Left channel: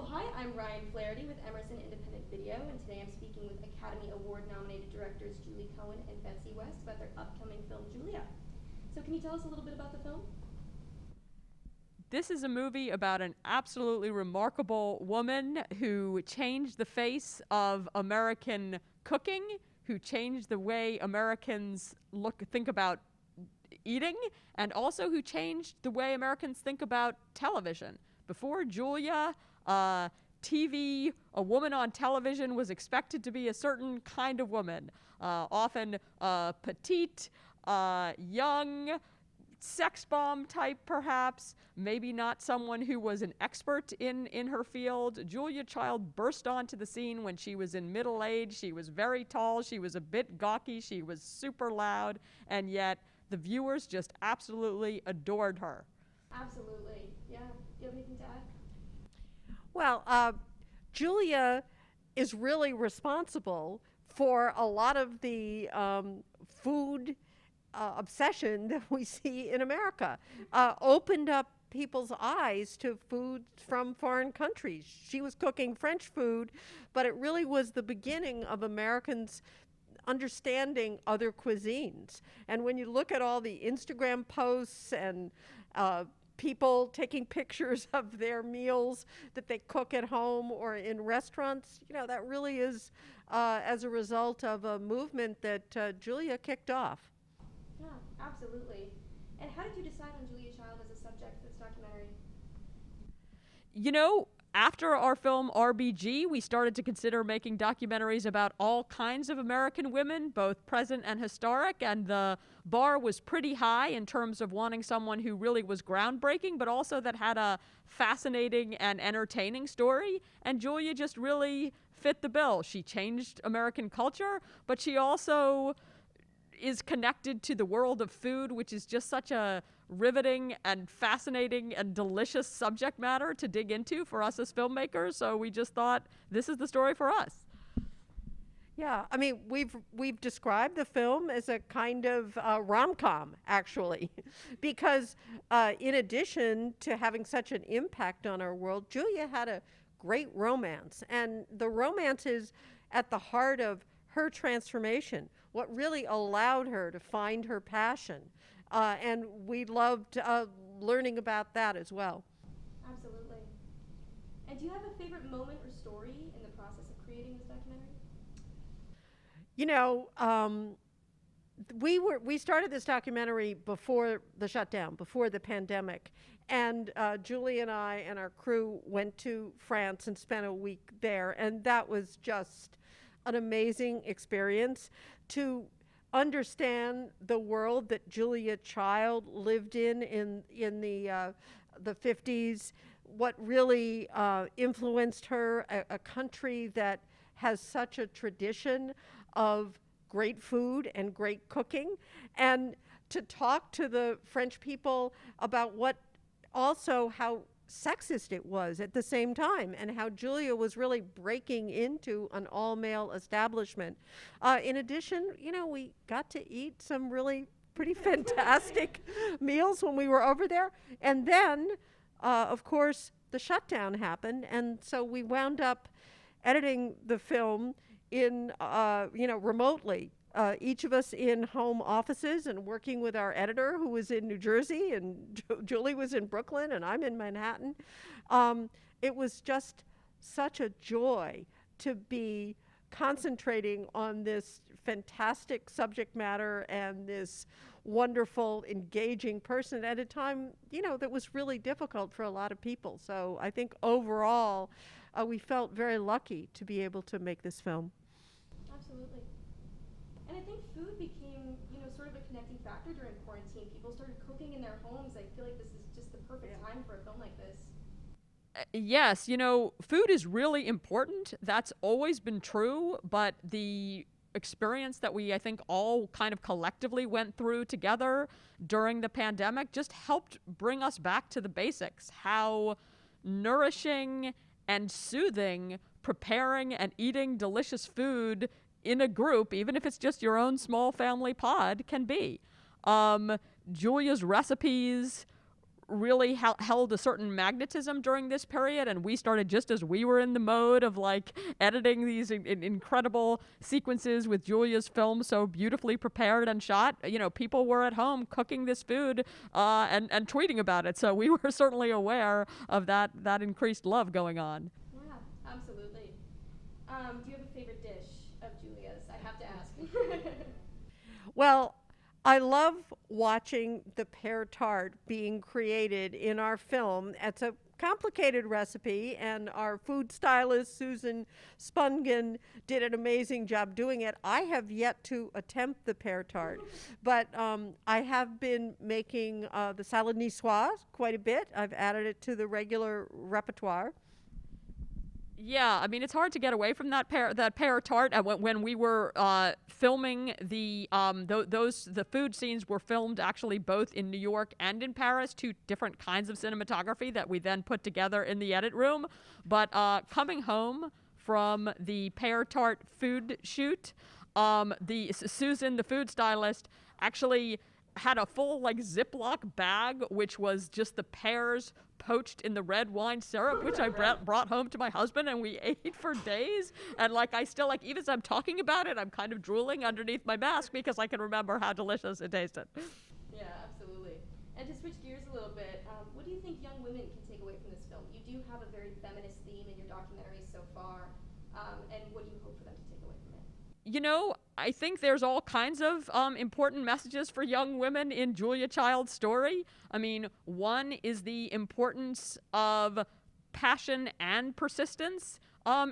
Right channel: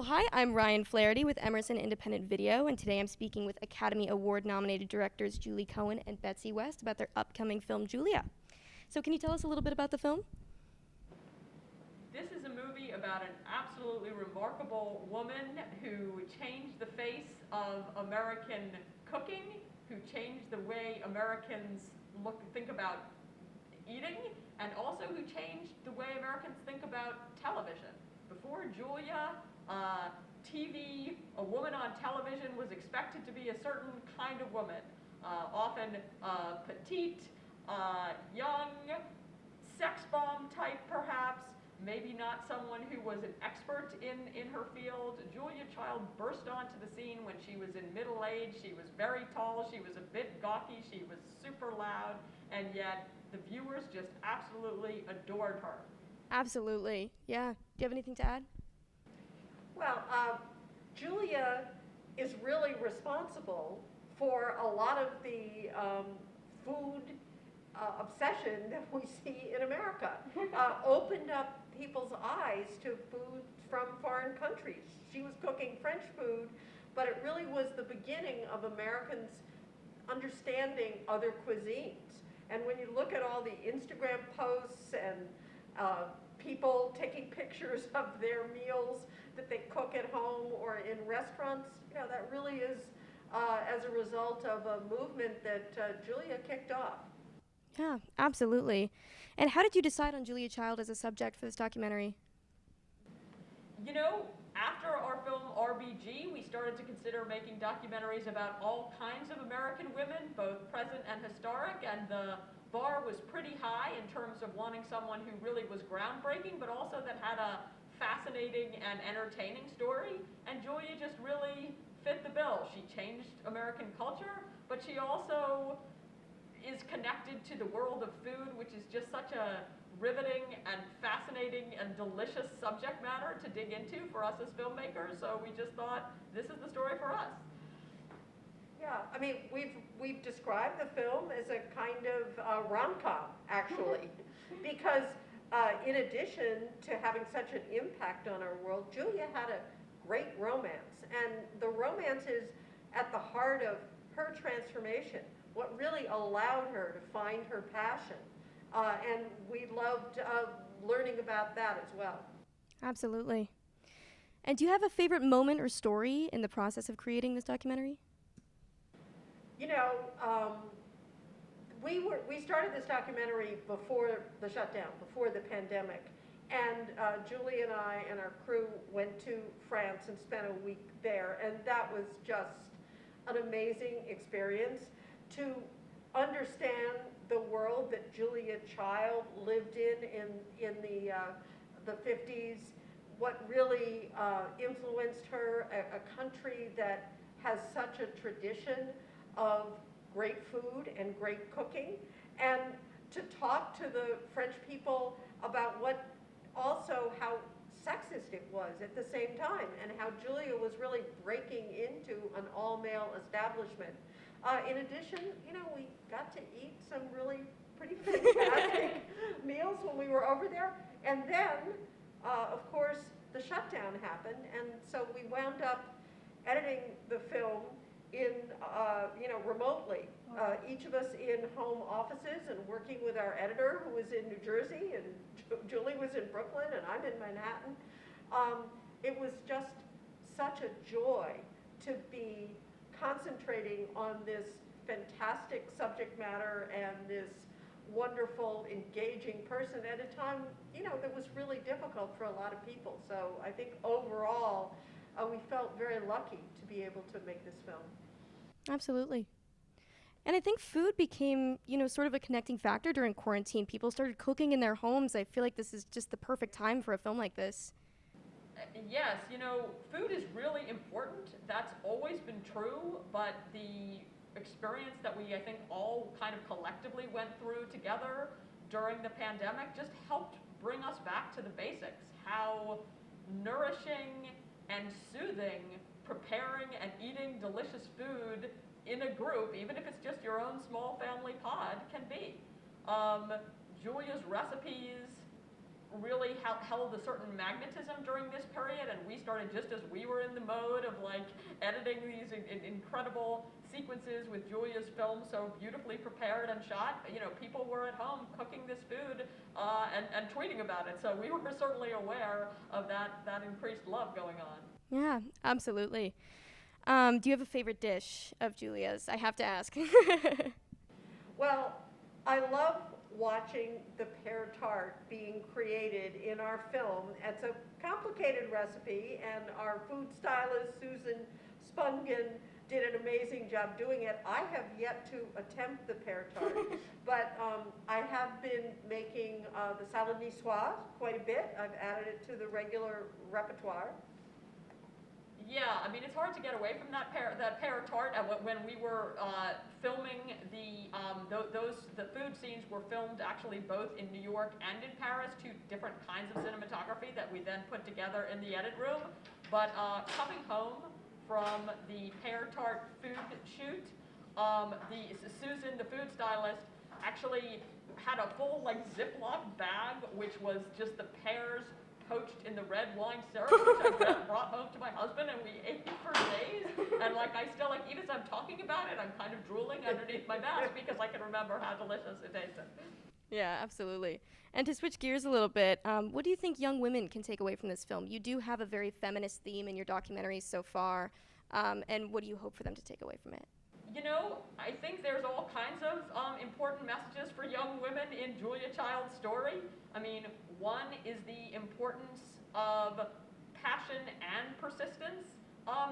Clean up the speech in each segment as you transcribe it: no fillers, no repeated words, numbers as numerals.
Well, hi, I'm Ryan Flaherty with Emerson Independent Video, and today I'm speaking with Academy Award-nominated directors Julie Cohen and Betsy West about their upcoming film, Julia. So can you tell us a little bit about the film? This is a movie about an absolutely remarkable woman who changed the face of American cooking, who changed the way Americans think about eating, and also who changed the way Americans think about television. Before Julia, TV, a woman on television was expected to be a certain kind of woman, often petite, young, sex bomb type perhaps, maybe not someone who was an expert in her field. Julia Child burst onto the scene when she was in middle age. She was very tall, she was a bit gawky, she was super loud, and yet the viewers just absolutely adored her. Absolutely, yeah. Do you have anything to add? Well, Julia is really responsible for a lot of the food obsession that we see in America. Opened up people's eyes to food from foreign countries. She was cooking French food, but it really was the beginning of Americans understanding other cuisines. And when you look at all the Instagram posts and people taking pictures of their meals that they cook at home or in restaurants, you know, that really is as a result of a movement that Julia kicked off. Yeah, absolutely. And how did you decide on Julia Child as a subject for this documentary? You know, after our film RBG, we started to consider making documentaries about all kinds of American women, both present and historic, and the bar was pretty high in terms of wanting someone who really was groundbreaking, but also that had a fascinating and entertaining story, and Julia just really fit the bill. She changed American culture, but she also is connected to the world of food, which is just such a riveting and fascinating and delicious subject matter to dig into for us as filmmakers, so we just thought this is the story for us. Yeah, I mean, we've described the film as a kind of rom-com, actually, because in addition to having such an impact on our world, Julia had a great romance, and the romance is at the heart of her transformation, what really allowed her to find her passion, and we loved learning about that as well. Absolutely. And do you have a favorite moment or story in the process of creating this documentary? You know, we started this documentary before the shutdown, before the pandemic, and Julie and I and our crew went to France and spent a week there, and that was just an amazing experience to understand the world that Julia Child lived in the 50s, what really influenced her, a country that has such a tradition of great food and great cooking, and to talk to the French people about how sexist it was at the same time, and how Julia was really breaking into an all-male establishment. In addition, you know, we got to eat some really pretty fantastic meals when we were over there, and then, of course, the shutdown happened, and so we wound up editing the film in, remotely. Each of us in home offices and working with our editor, who was in New Jersey, and Julie was in Brooklyn, and I'm in Manhattan. It was just such a joy to be concentrating on this fantastic subject matter and this wonderful, engaging person at a time, you know, that was really difficult for a lot of people. So I think overall, we felt very lucky to be able to make this film. Absolutely. And I think food became, you know, sort of a connecting factor during quarantine. People started cooking in their homes. I feel like this is just the perfect time for a film like this. Yes, you know, food is really important. That's always been true, but the experience that we, I think, all kind of collectively went through together during the pandemic just helped bring us back to the basics. How nourishing and soothing preparing and eating delicious food in a group, even if it's just your own small family pod, can be. Julia's recipes really held a certain magnetism during this period, and we started just as we were in the mode of like editing these incredible sequences with Julia's film so beautifully prepared and shot. You know, people were at home cooking this food and tweeting about it, so we were certainly aware of that increased love going on. Yeah, absolutely. Do you have a favorite dish of Julia's? I have to ask. Well, I love watching the pear tart being created in our film. It's a complicated recipe, and our food stylist, Susan Spungen, did an amazing job doing it. I have yet to attempt the pear tart, but I have been making the salad niçoise quite a bit. I've added it to the regular repertoire. Yeah, I mean, it's hard to get away from that pear tart. When we were filming the food scenes were filmed actually both in New York and in Paris, two different kinds of cinematography that we then put together in the edit room. But coming home from the pear tart food shoot, Susan, the food stylist, actually had a full like Ziploc bag, which was just the pears poached in the red wine syrup, which I brought home to my husband, and we ate for days. And like, I still, like, even as I'm talking about it, I'm kind of drooling underneath my mask because I can remember how delicious it tasted. Yeah, absolutely. And to switch gears a little bit, what do you think young women can take away from this film? You do have a very feminist theme in your documentaries so far, and what do you hope for them to take away from it? You know, I think there's all kinds of important messages for young women in Julia Child's story. I mean, one is the importance of passion and persistence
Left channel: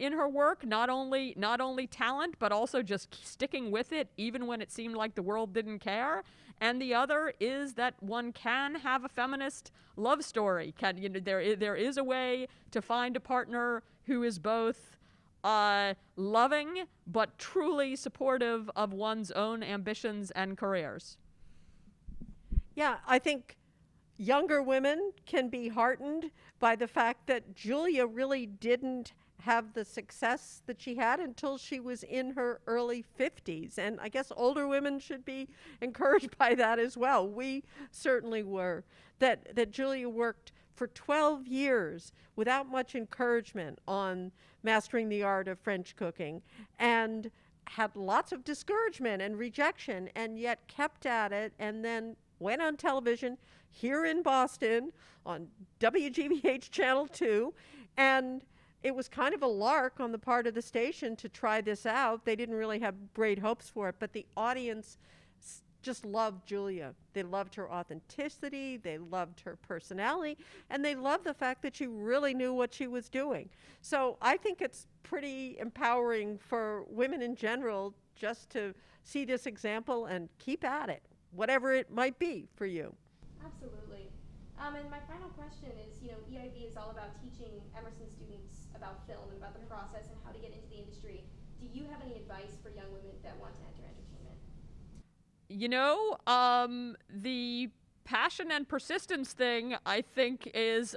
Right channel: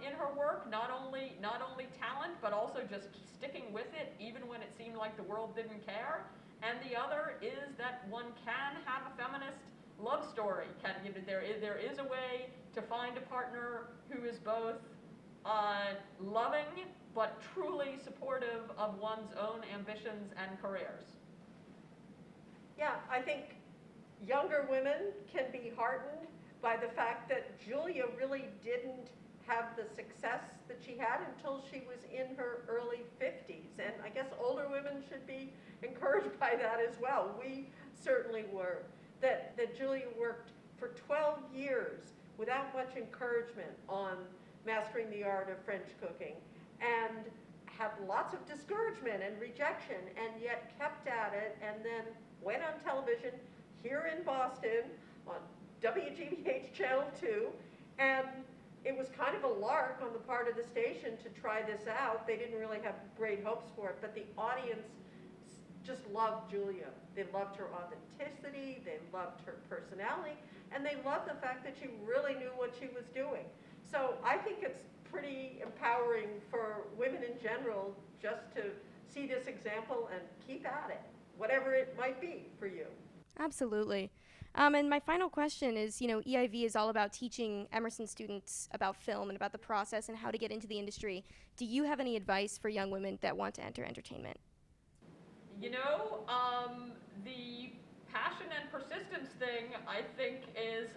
in her work, not only talent, but also just sticking with it even when it seemed like the world didn't care. And the other is that one can have a feminist love story. There is a way to find a partner who is both loving but truly supportive of one's own ambitions and careers. Yeah, I think younger women can be heartened by the fact that Julia really didn't have the success that she had until she was in her early 50s. And I guess older women should be encouraged by that as well. We certainly were. That Julia worked for 12 years without much encouragement on mastering the art of French cooking, and had lots of discouragement and rejection, and yet kept at it, and then went on television here in Boston on WGBH Channel 2, and it was kind of a lark on the part of the station to try this out. They didn't really have great hopes for it, but the audience just loved Julia. They loved her authenticity, they loved her personality, and they loved the fact that she really knew what she was doing. So I think it's pretty empowering for women in general just to see this example and keep at it, whatever it might be for you. Absolutely. And my final question is, EIV is all about teaching Emerson students about film and about the process and how to get into the industry. Do you have any advice for young women that want to enter entertainment? The passion and persistence thing, I think, is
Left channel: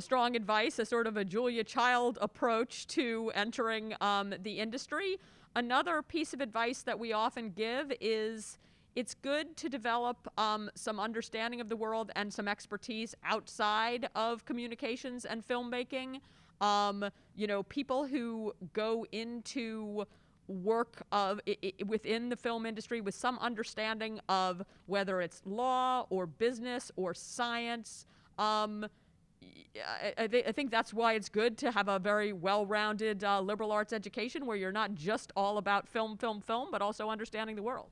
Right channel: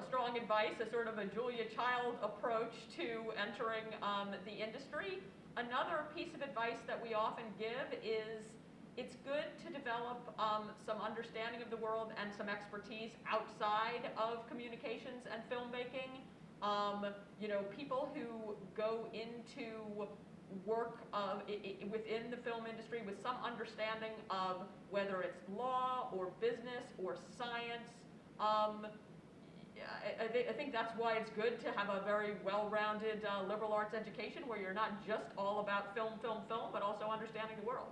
strong advice, a sort of a Julia Child approach to entering the industry. Another piece of advice that we often give is it's good to develop some understanding of the world and some expertise outside of communications and filmmaking. People who go into work within the film industry with some understanding of whether it's law or business or science. I think that's why it's good to have a very well-rounded liberal arts education where you're not just all about film, but also understanding the world.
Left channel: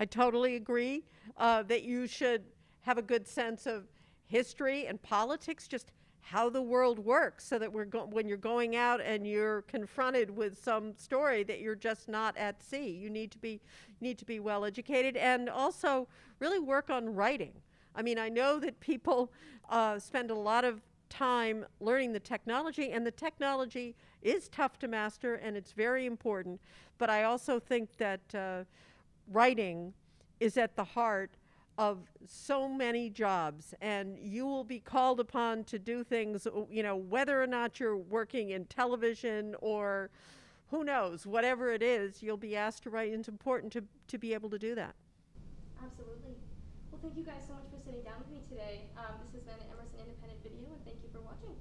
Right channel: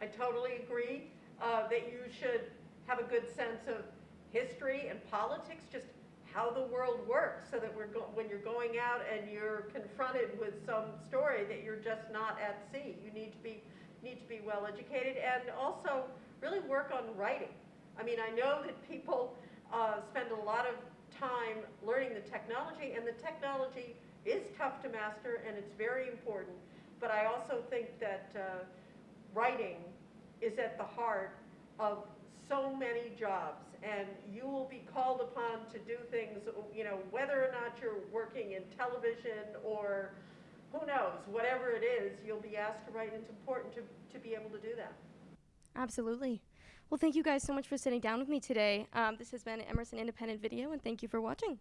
I totally agree that you should have a good sense of history and politics, just how the world works, so that when you're going out and you're confronted with some story that you're just not at sea. You need to be well educated, and also really work on writing. I mean, I know that people spend a lot of time learning the technology, and the technology is tough to master and it's very important, but I also think that writing is at the heart of so many jobs, and you will be called upon to do things, whether or not you're working in television or who knows, whatever it is, you'll be asked to write. It's important to be able to do that. Absolutely. Well, thank you guys so much for sitting down with me today. This has been Emerson Independent Video, and thank you for watching.